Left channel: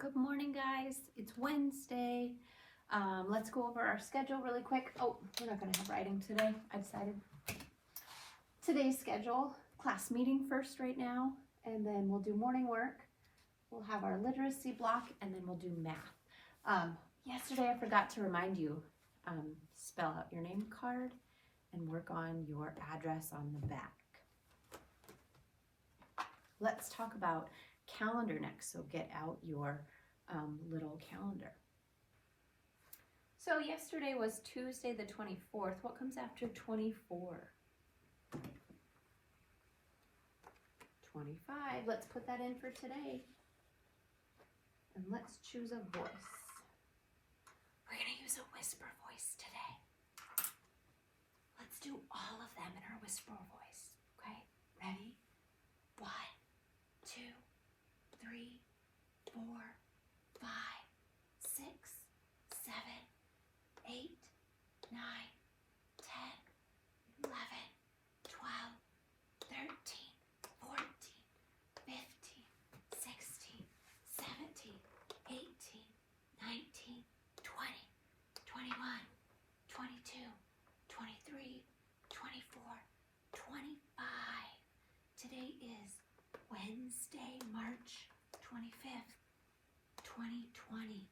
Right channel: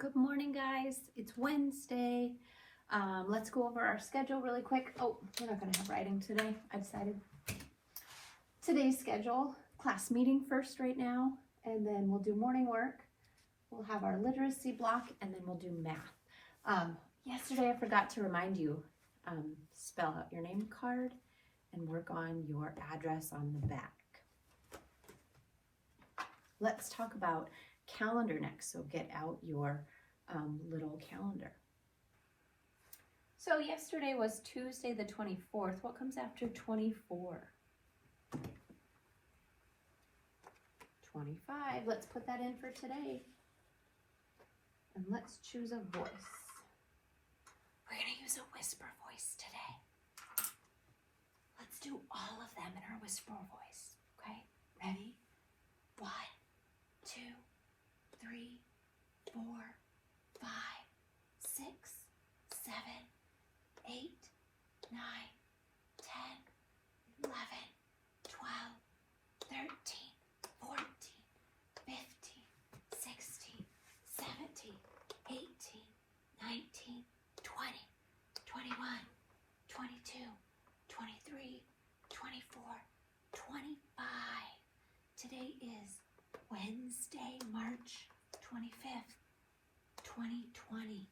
Good morning, guys. It's Wednesday. Let's go over our schedule really quick. Oh, we're not going to have writing today. I decided. Today's schedule, class meeting first right now, and then we'll do morning work. We'll have our literacy block, and then we'll do math. Yesterday, I forgot to remind you, spell out your name card and work on your address on the back. Let's talk about calendar next, so get out your little calendar. So yesterday was Tuesday the 24th. What comes after 24? 25. Let's put that in for today. And let's choose a voice. We're going to use a whisper voice today. Let's do all of them in our whisper voice. Okay? Ready? 1, 2, 3, 4, 5, 6, 7, 8, 9, 10, 11, 12, 13, 14, 15, 16, 17, 18, 19, 20, 21, 22, 23, 24, 25. Today is Wednesday, March 25th, 2020.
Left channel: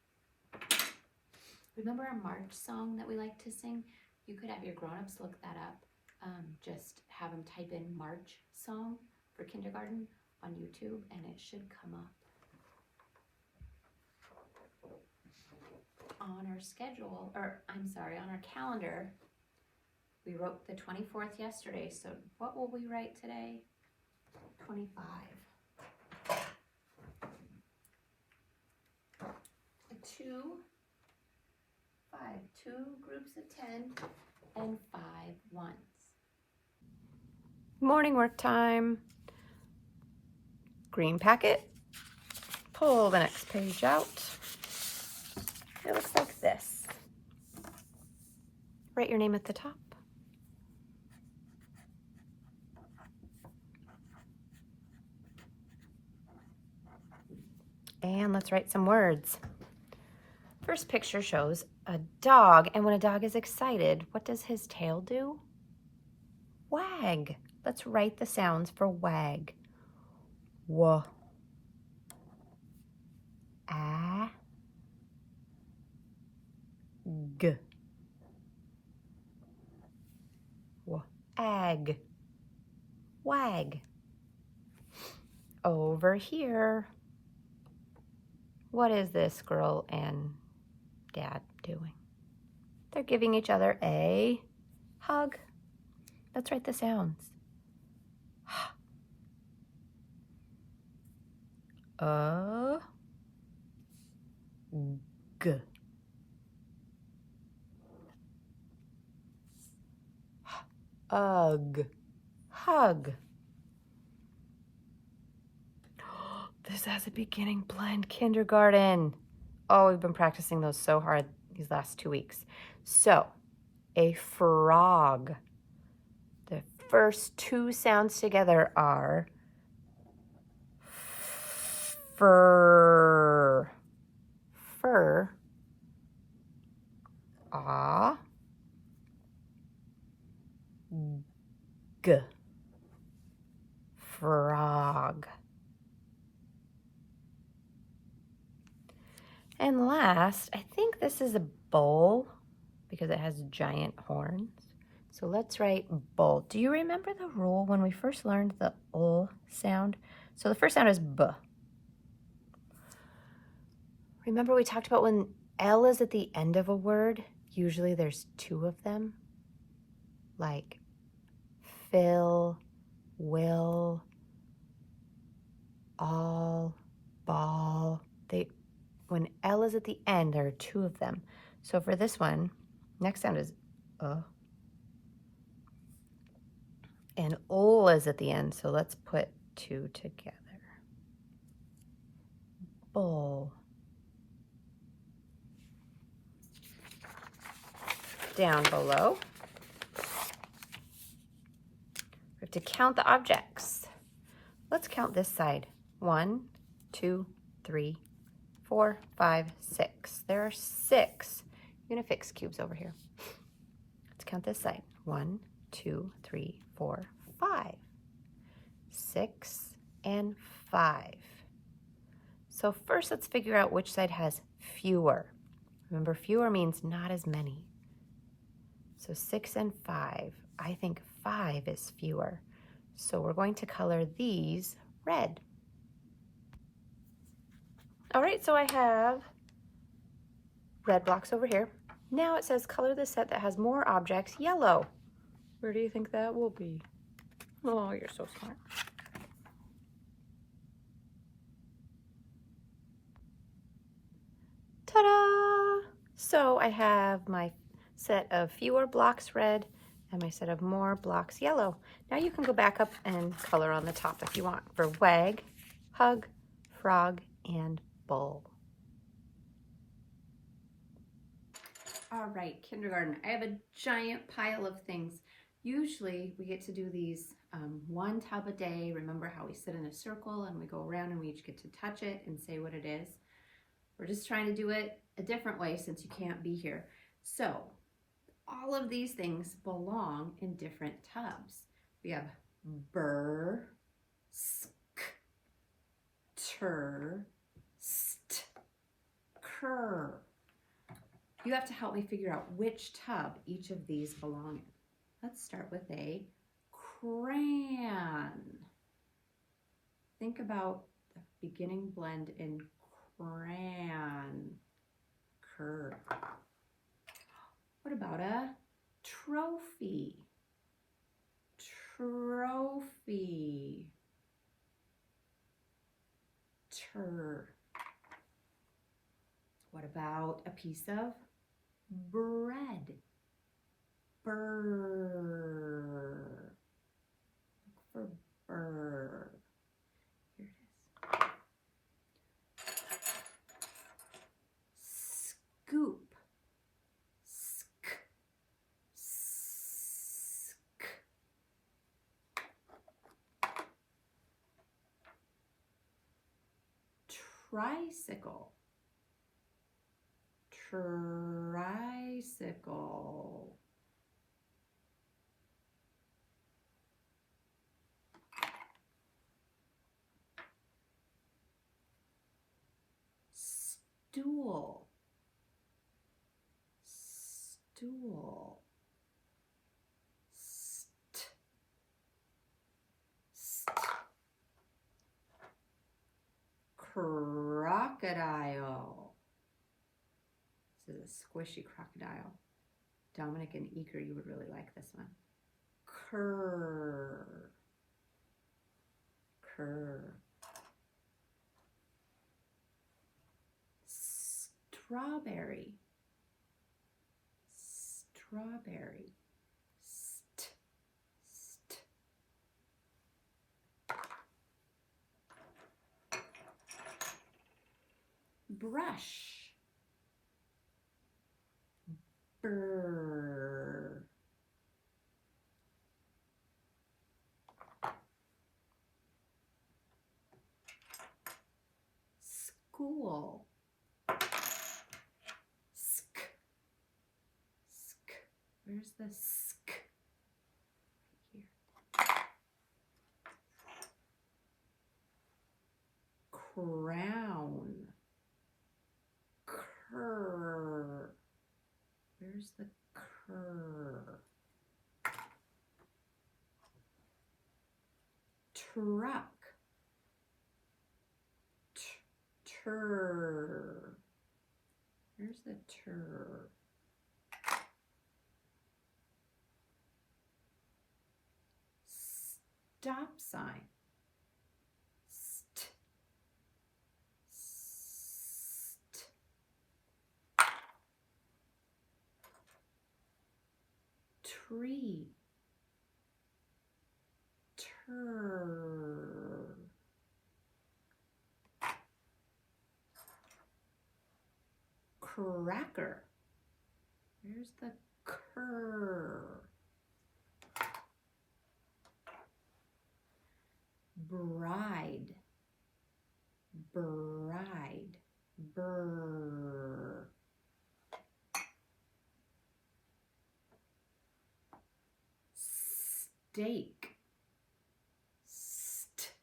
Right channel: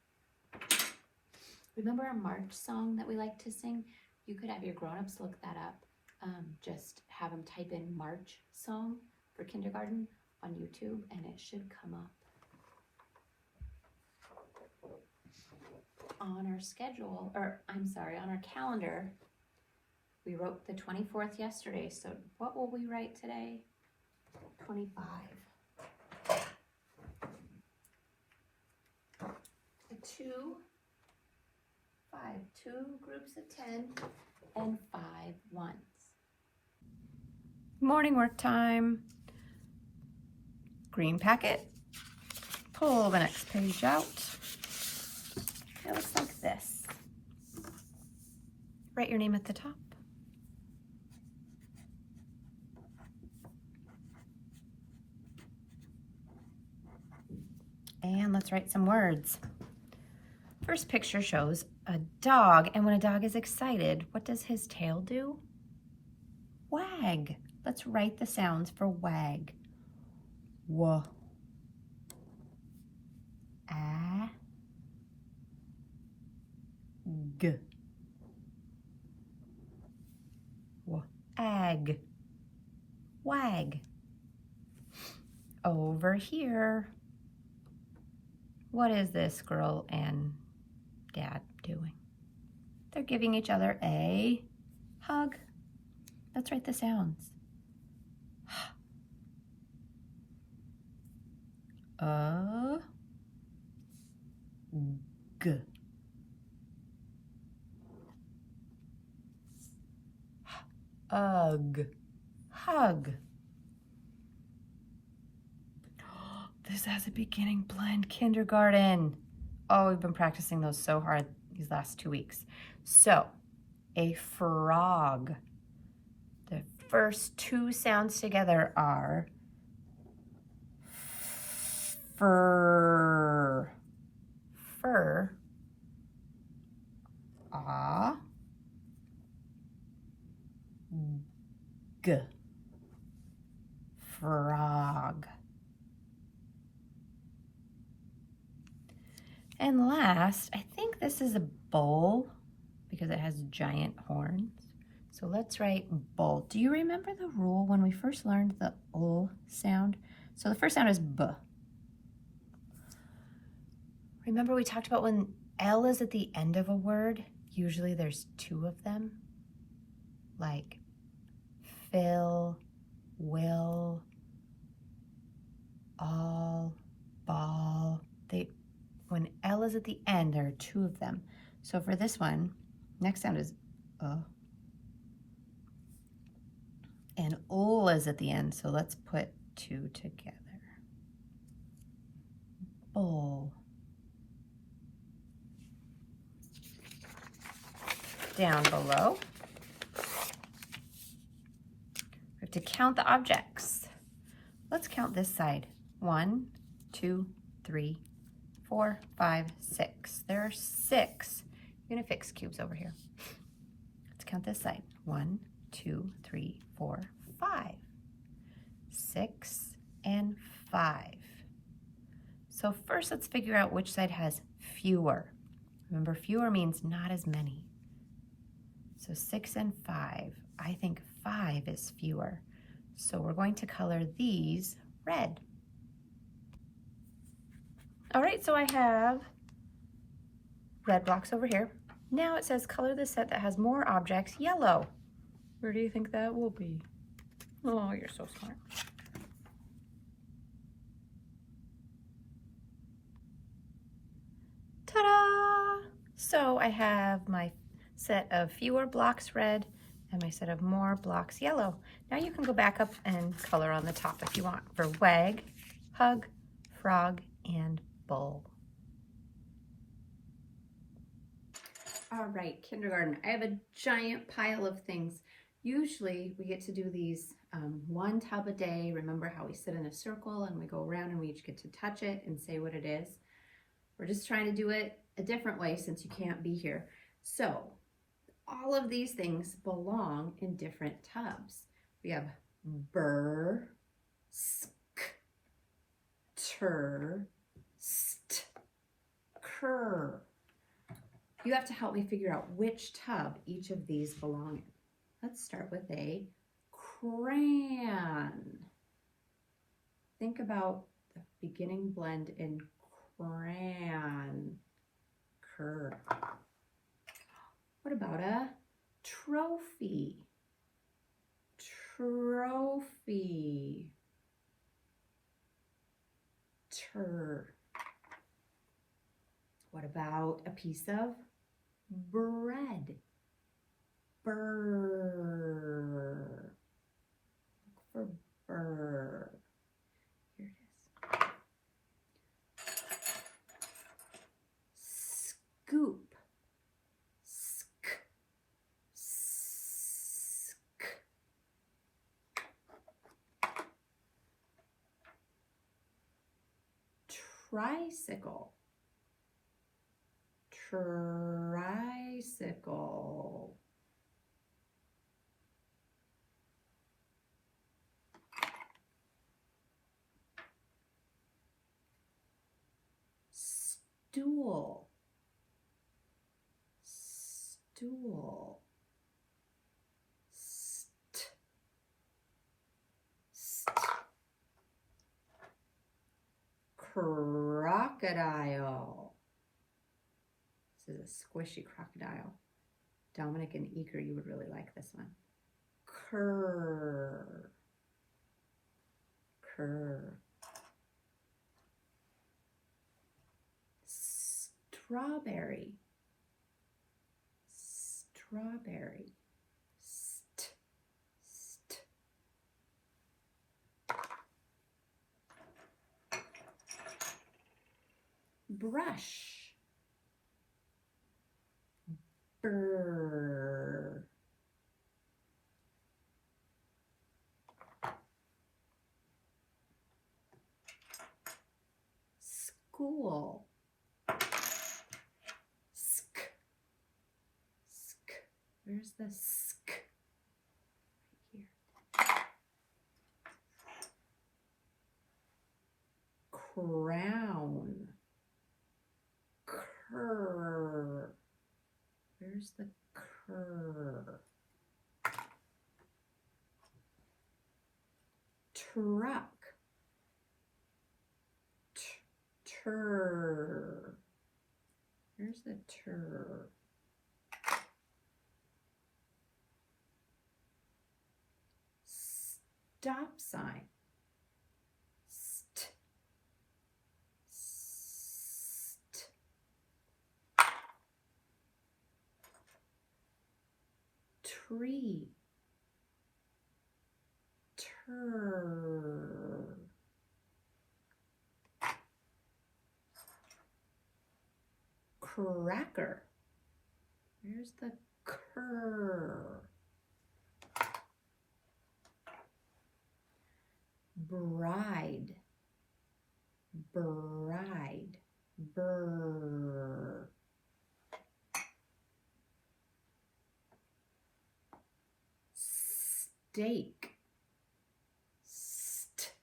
Remember our March song that we like to sing? You could have your grown-ups look that up. Just have them type in March song for kindergarten on YouTube and it should come up. On our schedule, on our calendar, we wrote the 24th yesterday. So what will we write today? 25. 2 groups of 10 and 5 ones. Morning work time. Green packet. Pull the next page out. It looks like this. Write your name at the top. And let's write some words. First picture shows a dog, and when a dog is excited, what does his tail do? Wag. Let's write the sounds for wag. W, a, g, wag, wag. Over here, what is this girl and Dad doing? They're giving each other a hug. Let's write the sounds. A, g, ug, hug. This has a beginning blend, kindergarten. Oh, we've been practicing those so hard these last 2 weeks. So, a frog. The first 2 sounds together are fur, fur, ah, g, frog. And last, I think this is a bull because it has giant horns. So let's write bull. Do you remember the rule when we first learned the ul sound? So the first sound is b. Remember we talked about when L is at the end of a word, usually there's 2 of them, like fill, will, all, ball. When L is at the end, there are 2 of them. So for this one, next sound is and ul is at the end, so let's put 2 together. Bull. Down below, we have to count the objects. Let's count this side. 1, 2, 3, 4, 5, 6. There are 6 Unifix cubes over here. Let's count this side. 1, 2, 3, 4, 5. 6 and 5. So first let's figure out which side has fewer. Remember, fewer means not as many. So 6 and 5. I think 5 is fewer. So we're going to color these red. All right, so I have red blocks over here. Now it says color the set that has more objects yellow. Where do you think that will be? Oh, you're so smart. Ta-da! So I have my set of fewer blocks red and my set of more blocks yellow. Now you can go back up and color on the top if you want for wag, hug, frog, and bull. All right, kindergarten. I have a giant pile of things. Usually we get to do these one tub a day. Remember how we sit in a circle and we go around and we each get to touch it and say what it is? We're just trying to do it a different way since you can't be here. So all of these things belong in different tubs. We have burr, sk, tur, st, cur. You have to help me figure out which tub each of these belong in. Let's start with a crayon. Think about the beginning blend in crayon, cur. What about a trophy? Trophy, tur. What about a piece of bread? Burr. Look for burr. Here it is. Scoop. Sk. Sk. Tricycle. Tricycle. Stool. Stool. St. St. Crocodile. This is a squishy crocodile. Dominic and Eager, you would really like this one. Cur. Cur. Strawberry. Strawberry. St. St. Brush. Burr. School. Sk. Sk. Where's the sk? Right here. Crown. Cur. Where's the cur? Truck. Tur. Where's the tur? Stop sign. St. St. Tree. Tur. Cracker. Where's the cur? Bride. Bride. Brr. Steak. St.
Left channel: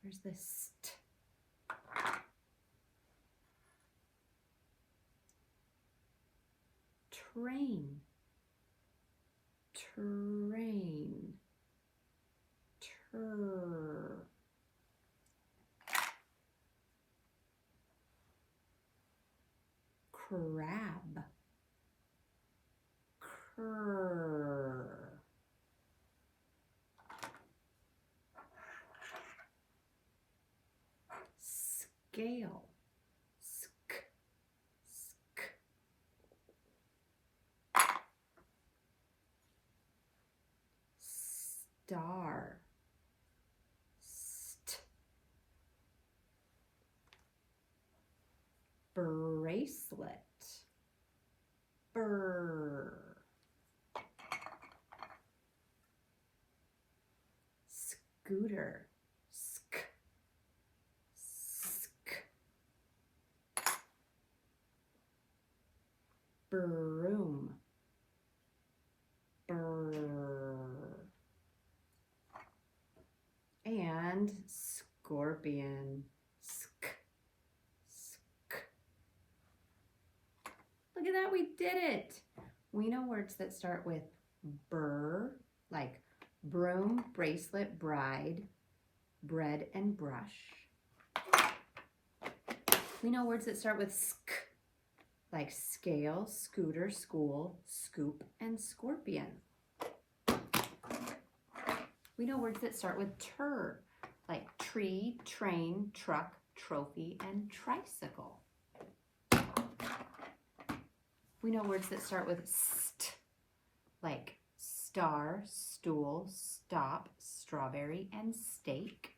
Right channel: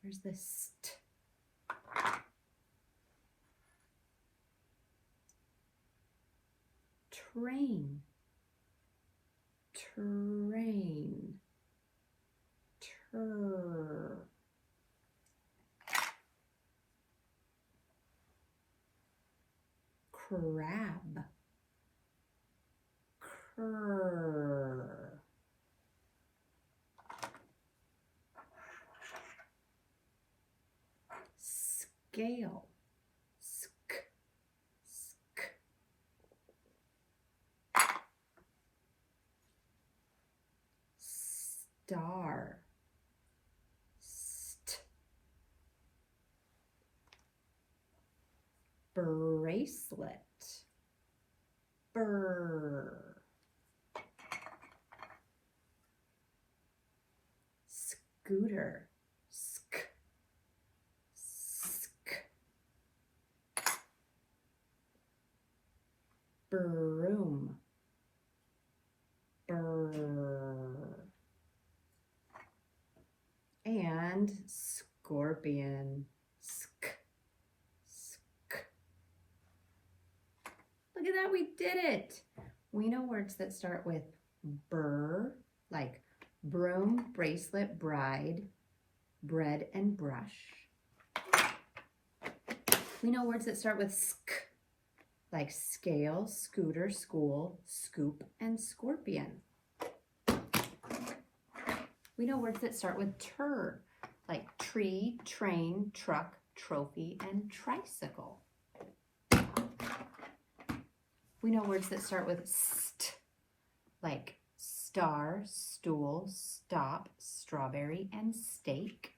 Where's the st? Train. Train. Tur. Crab. Cur. Scale. Sk. Sk. Star. St. Bracelet. Brr. Scooter. Sk. Sk. Broom. Brr. And scorpion. Sk. Sk. Look at that, we did it. We know words that start with burr, like broom, bracelet, bride, bread, and brush. We know words that start with sk, like scale, scooter, school, scoop, and scorpion. We know words that start with tur, like tree, train, truck, trophy, and tricycle. We know words that start with st, like star, stool, stop, strawberry, and steak.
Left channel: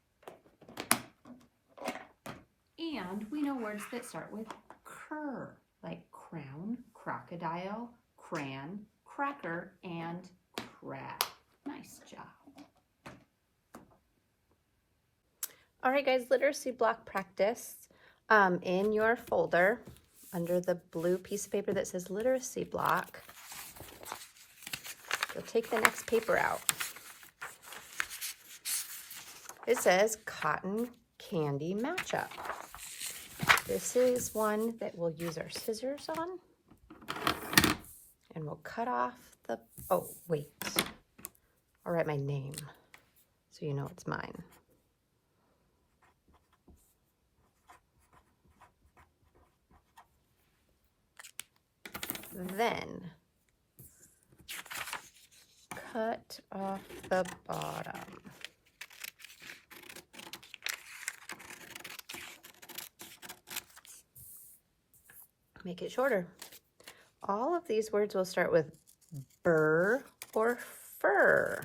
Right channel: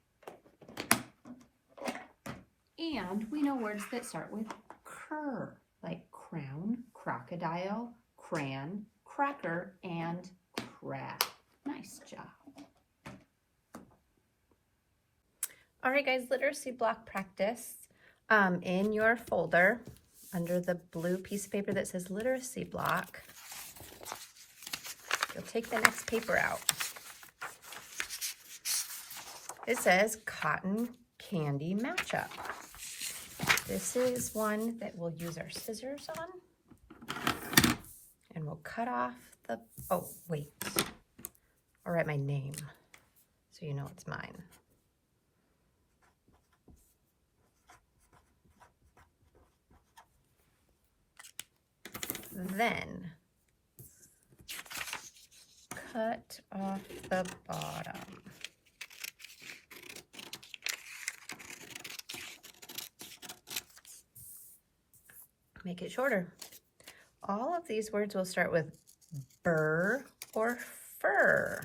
And we know words that start with cur, like crown, crocodile, crayon, cracker, and crab. Nice job. All right, guys, literacy block practice. In your folder, under the blue piece of paper that says literacy block, you'll take the next paper out. It says cotton candy matchup. This is one that we'll use our scissors on, and we'll cut off the, oh, wait. I'll write my name so you know it's mine. Then cut off the bottom. Make it shorter. All of these words will start with burr or fur,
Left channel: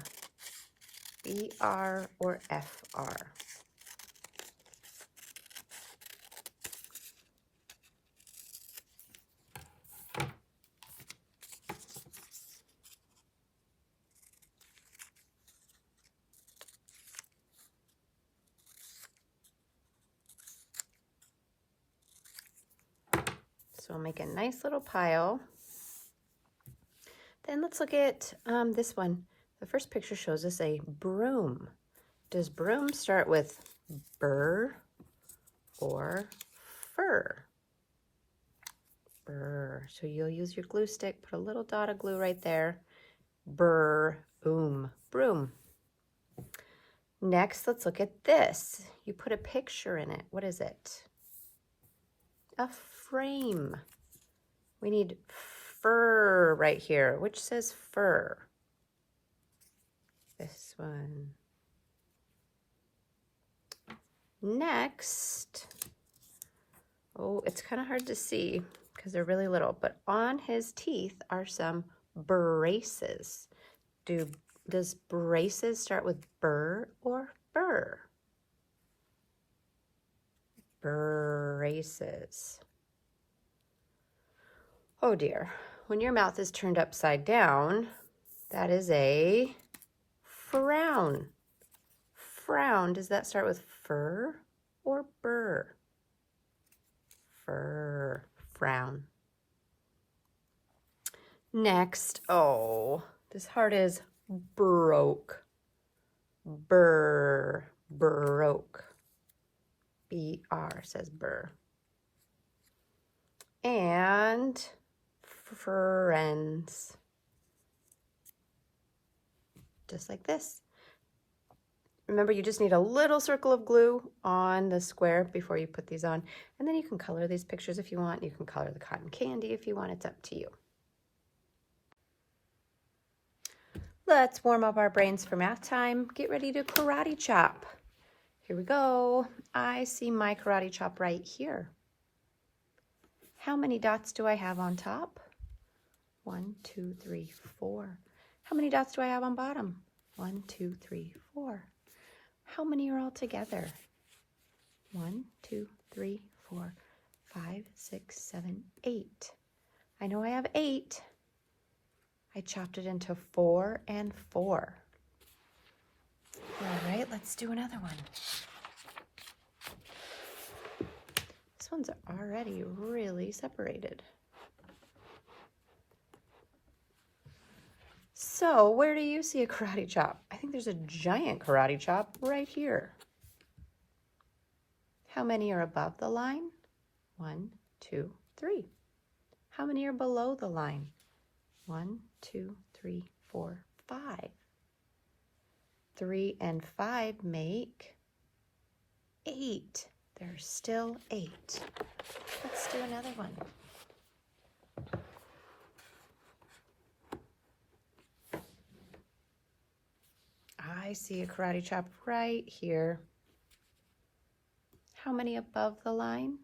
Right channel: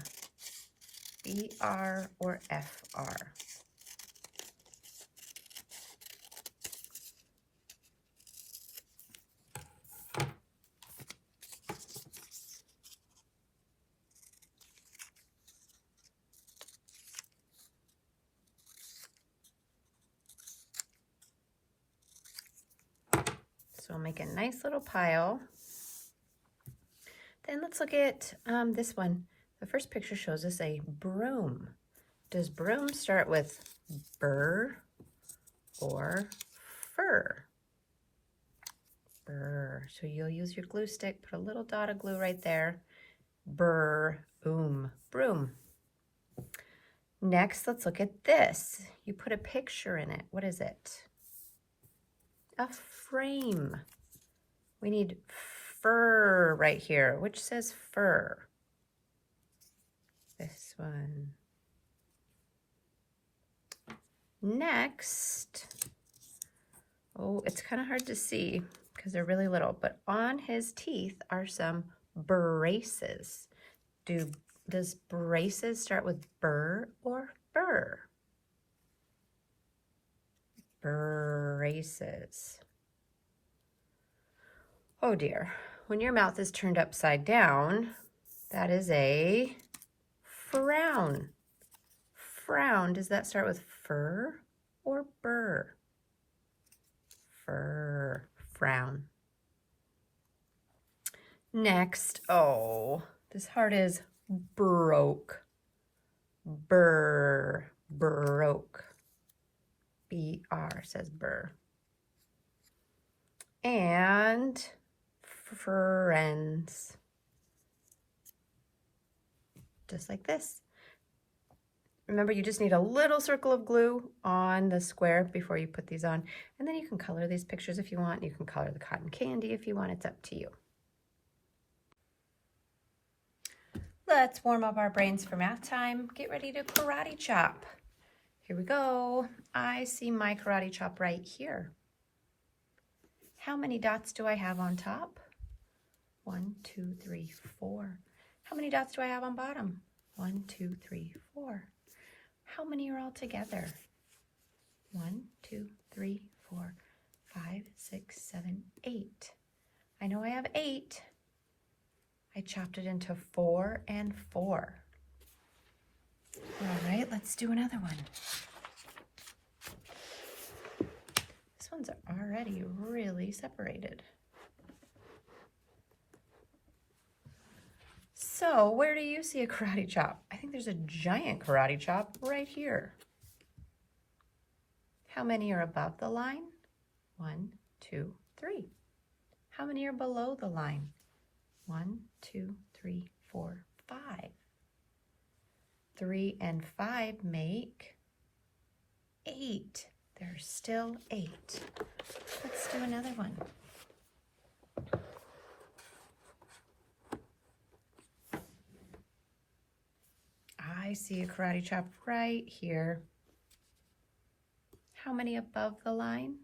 B-R or F-R. So make a nice little pile. Then let's look at this one. The first picture shows us a broom. Does broom start with burr or fur? Burr. So you'll use your glue stick, put a little dot of glue right there. Burr, broom. Next, let's look at this. You put a picture in it. What is it? A frame. We need fur right here. Which says fur? This one. Next, oh, it's kind of hard to see because they're really little, but on his teeth are some braces. Does braces start with burr or fur? Braces. Oh dear, when your mouth is turned upside down, that is a frown. Frown, does that start with fur or burr? Fur, frown. Next, oh, this heart is broke. Burr, broke. B-R says burr. And friends. Just like this. Remember, you just need a little circle of glue on the square before you put these on. And then you can color these pictures if you want. You can color the cotton candy if you want. It's up to you. Let's warm up our brains for math time. Get ready to karate chop. Here we go. I see my karate chop right here. How many dots do I have on top? 1, 2, 3, 4. How many dots do I have on bottom? 1, 2, 3, 4. How many are all together? 1, 2, 3, 4, 5, 6, 7, 8. I know I have 8. I chopped it into 4 and 4. All right, let's do another one. This one's already really separated. So where do you see a karate chop? I think there's a giant karate chop right here. How many are above the line? 1, 2, 3. How many are below the line? 1, 2, 3, 4, 5. 3 and 5 make 8. There's still 8. Let's do another one. I see a karate chop right here. How many above the line?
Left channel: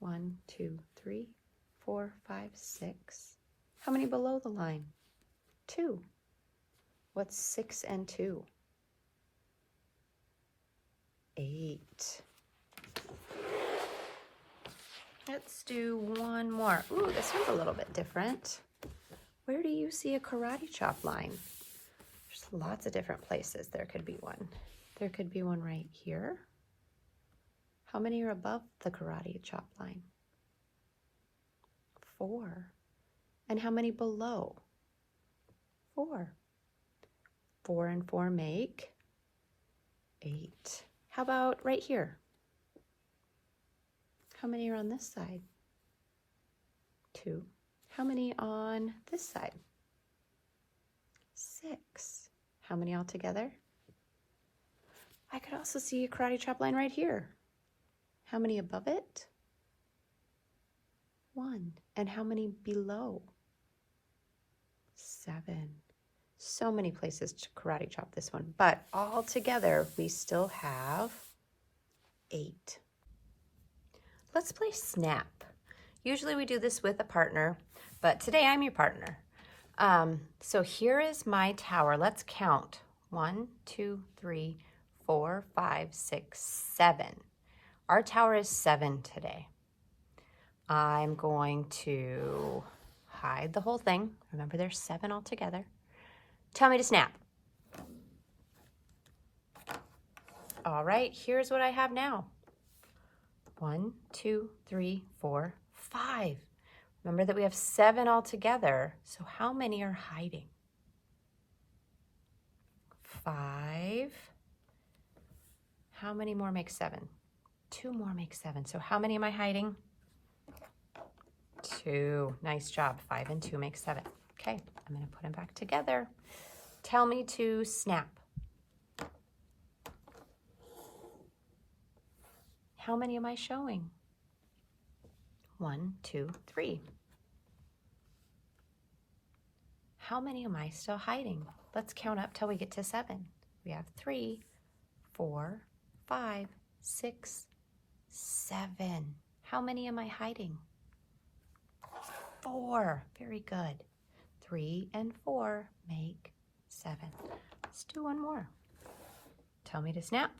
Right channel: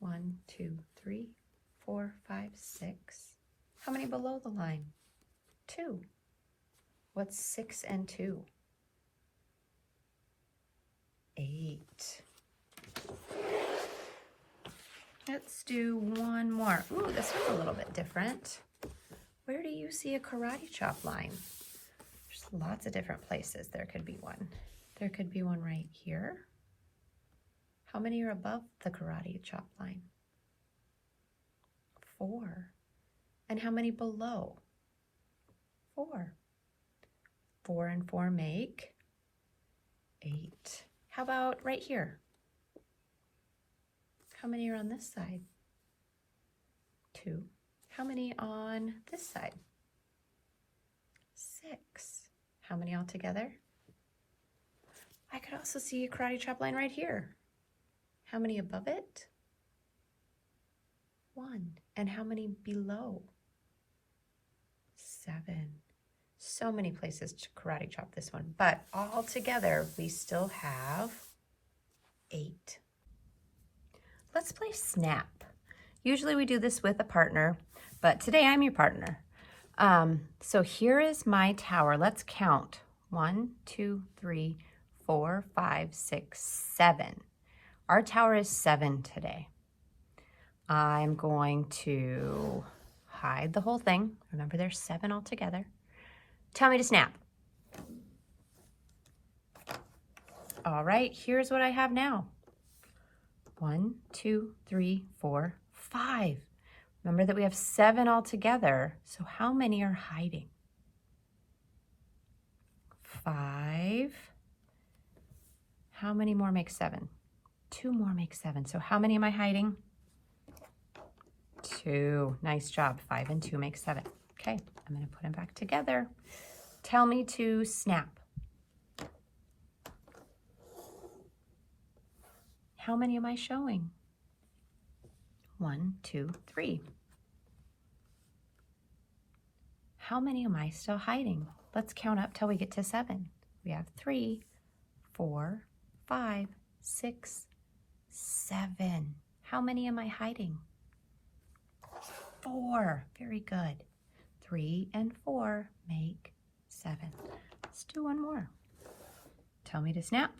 1, 2, 3, 4, 5, 6. How many below the line? 2. What's 6 and 2? 8. Let's do one more. Ooh, this one's a little bit different. Where do you see a karate chop line? There's lots of different places there could be one. There could be one right here. How many are above the karate chop line? 4. And how many below? 4. 4 and 4 make 8. How about right here? How many are on this side? 2. How many on this side? 6. How many altogether? I could also see a karate chop line right here. How many above it? 1. And how many below? 7. So many places to karate chop this one, but all together we still have 8. Let's play snap. Usually we do this with a partner, but today I'm your partner. So here is my tower. Let's count. 1, 2, 3, 4, 5, 6, 7. Our tower is 7 today. I'm going to hide the whole thing. Remember, there's 7 altogether. Tell me to snap. All right, here's what I have now. 1, 2, 3, 4, 5. Remember that we have 7 altogether. So how many are hiding? 5. How many more make 7? 2 more make 7. So how many am I hiding? 2. Nice job. 5 and 2 make 7. Okay, I'm going to put them back together. Tell me to snap. How many am I showing? 1, 2, 3. How many am I still hiding? Let's count up till we get to 7. We have 3, 4, 5, 6, 7. How many am I hiding? 4. Very good. 3 and 4 make 7. Let's do one more. Tell me to snap.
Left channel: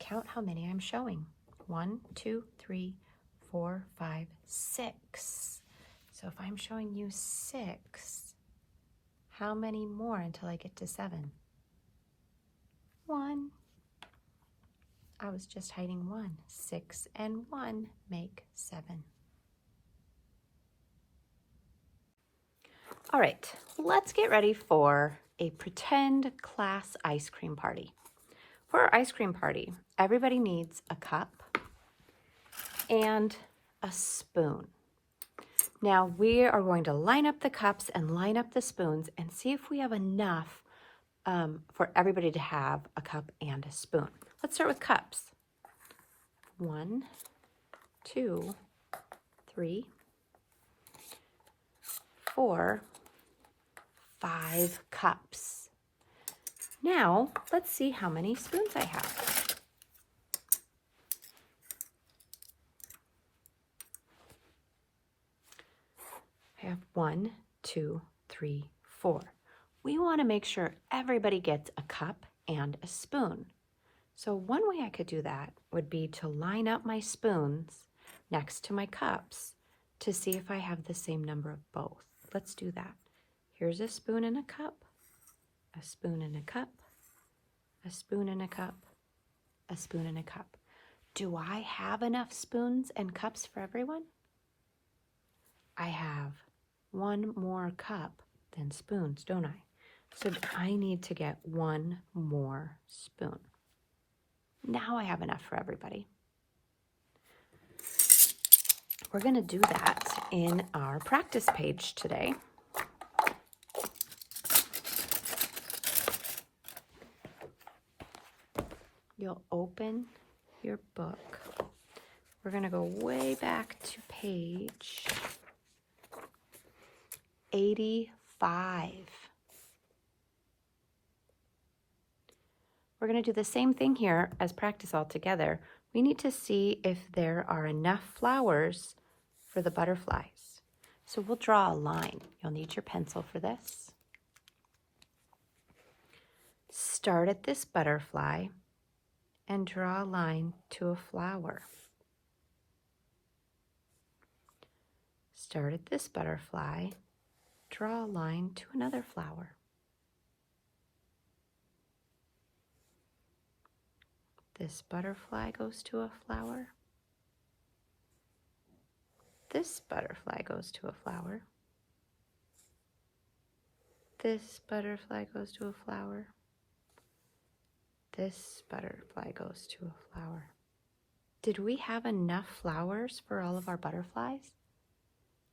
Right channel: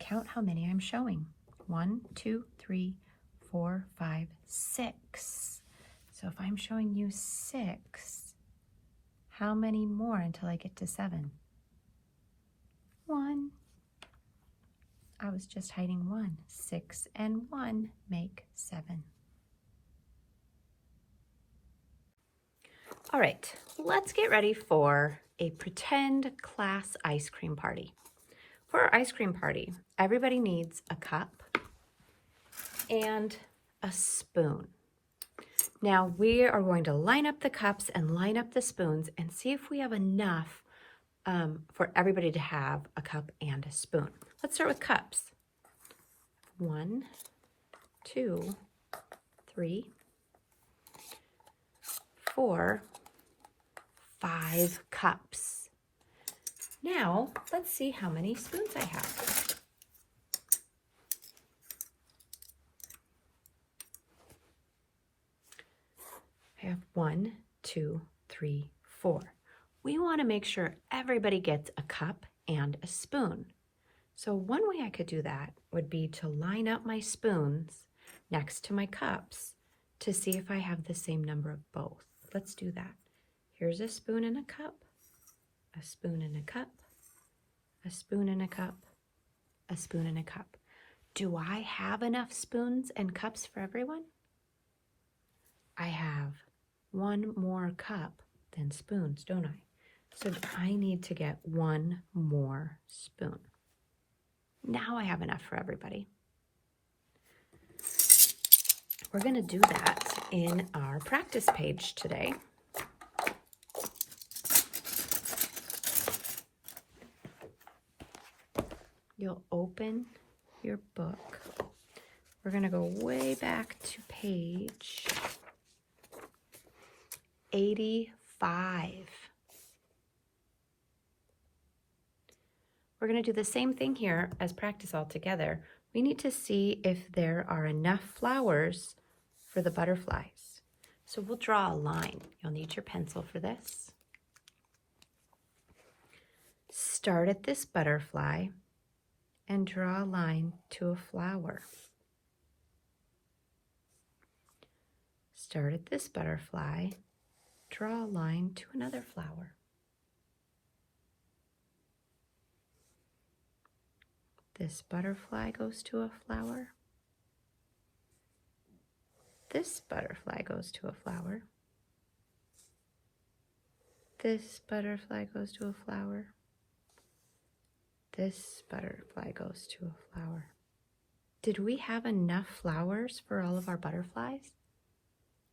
Count how many I'm showing. 1, 2, 3, 4, 5, 6. So if I'm showing you 6, how many more until I get to 7? I was just hiding 1. 6 and 1 make 7. All right, let's get ready for a pretend class ice cream party. For our ice cream party, everybody needs a cup and a spoon. Now we are going to line up the cups and line up the spoons and see if we have enough for everybody to have a cup and a spoon. Let's start with cups. 1, 2, 3, 4, 5 cups. Now let's see how many spoons I have. I have 1, 2, 3, 4. We want to make sure everybody gets a cup and a spoon. So one way I could do that would be to line up my spoons next to my cups to see if I have the same number of both. Let's do that. Here's a spoon and a cup, a spoon and a cup, a spoon and a cup, a spoon and a cup. Do I have enough spoons and cups for everyone? I have one more cup than spoons, don't I? So I need to get one more spoon. Now I have enough for everybody. We're going to do that in our practice page today. You'll open your book. We're going to go way back to page 85. We're going to do the same thing here as practice all together. We need to see if there are enough flowers for the butterflies. So we'll draw a line. You'll need your pencil for this. Start at this butterfly and draw a line to a flower. Start at this butterfly, draw a line to another flower. This butterfly goes to a flower. This butterfly goes to a flower. This butterfly goes to a flower. This butterfly goes to a flower. Did we have enough flowers for all of our butterflies?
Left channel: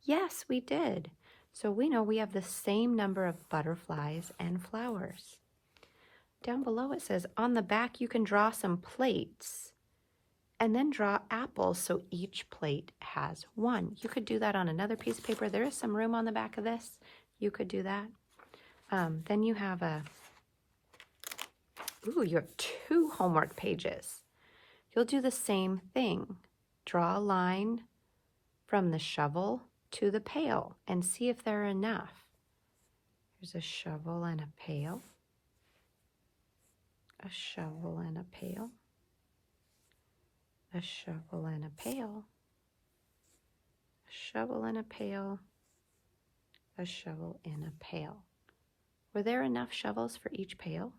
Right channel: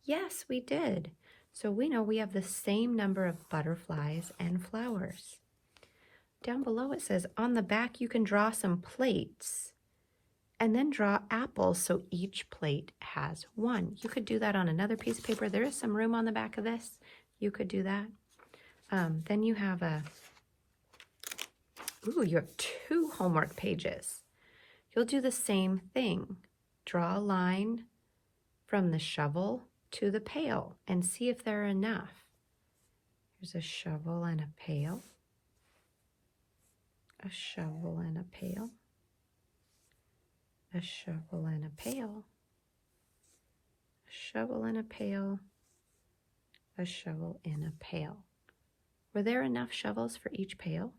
Yes, we did. So we know we have the same number of butterflies and flowers. Down below it says, on the back you can draw some plates and then draw apples so each plate has one. You could do that on another piece of paper. There is some room on the back of this. You could do that. Then you have you have 2 homework pages. You'll do the same thing. Draw a line from the shovel to the pail and see if there are enough. Here's a shovel and a pail. A shovel and a pail. A shovel and a pail. A shovel and a pail. A shovel in a pail. Were there enough shovels for each pail?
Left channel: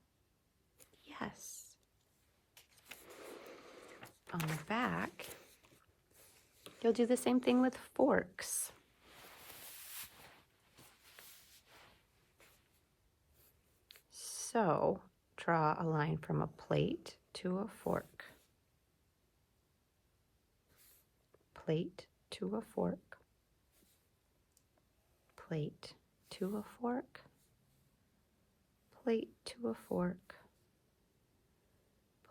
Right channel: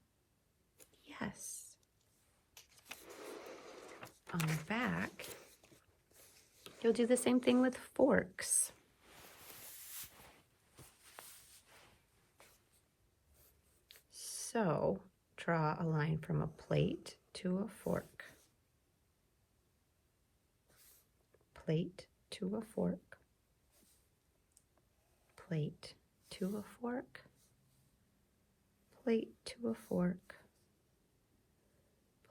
Yes. On the back, you'll do the same thing with forks. So, draw a line from a plate to a fork. Plate to a fork. Plate to a fork. Plate to a fork.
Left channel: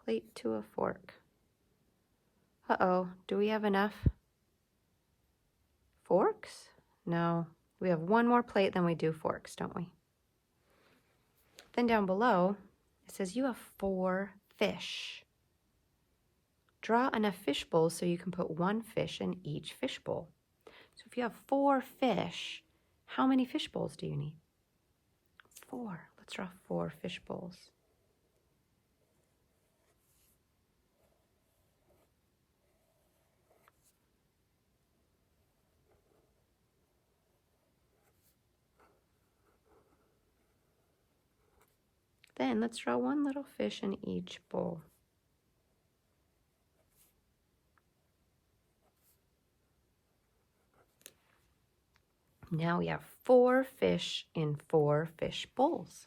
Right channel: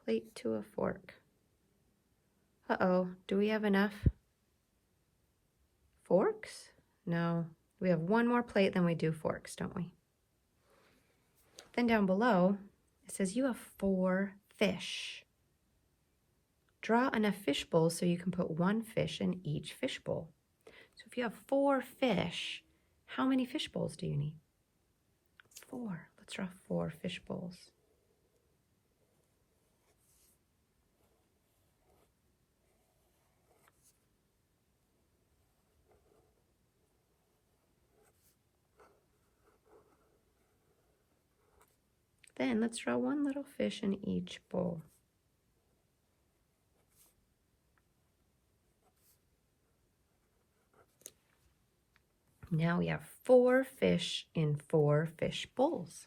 Plate to a fork. Uh-oh, do we have enough forks? No, we have one more plate than we do forks, don't we? Then down below, it says you have 4 fish. Draw enough fish bowls so you can put 1 fish in each fish bowl. So if you have 4 fish, how many fish bowls do you need? 4. Let's draw 4 fish bowls. Then let's draw 1 little fish in each bowl. Now we have 4 fish in 4 fish bowls.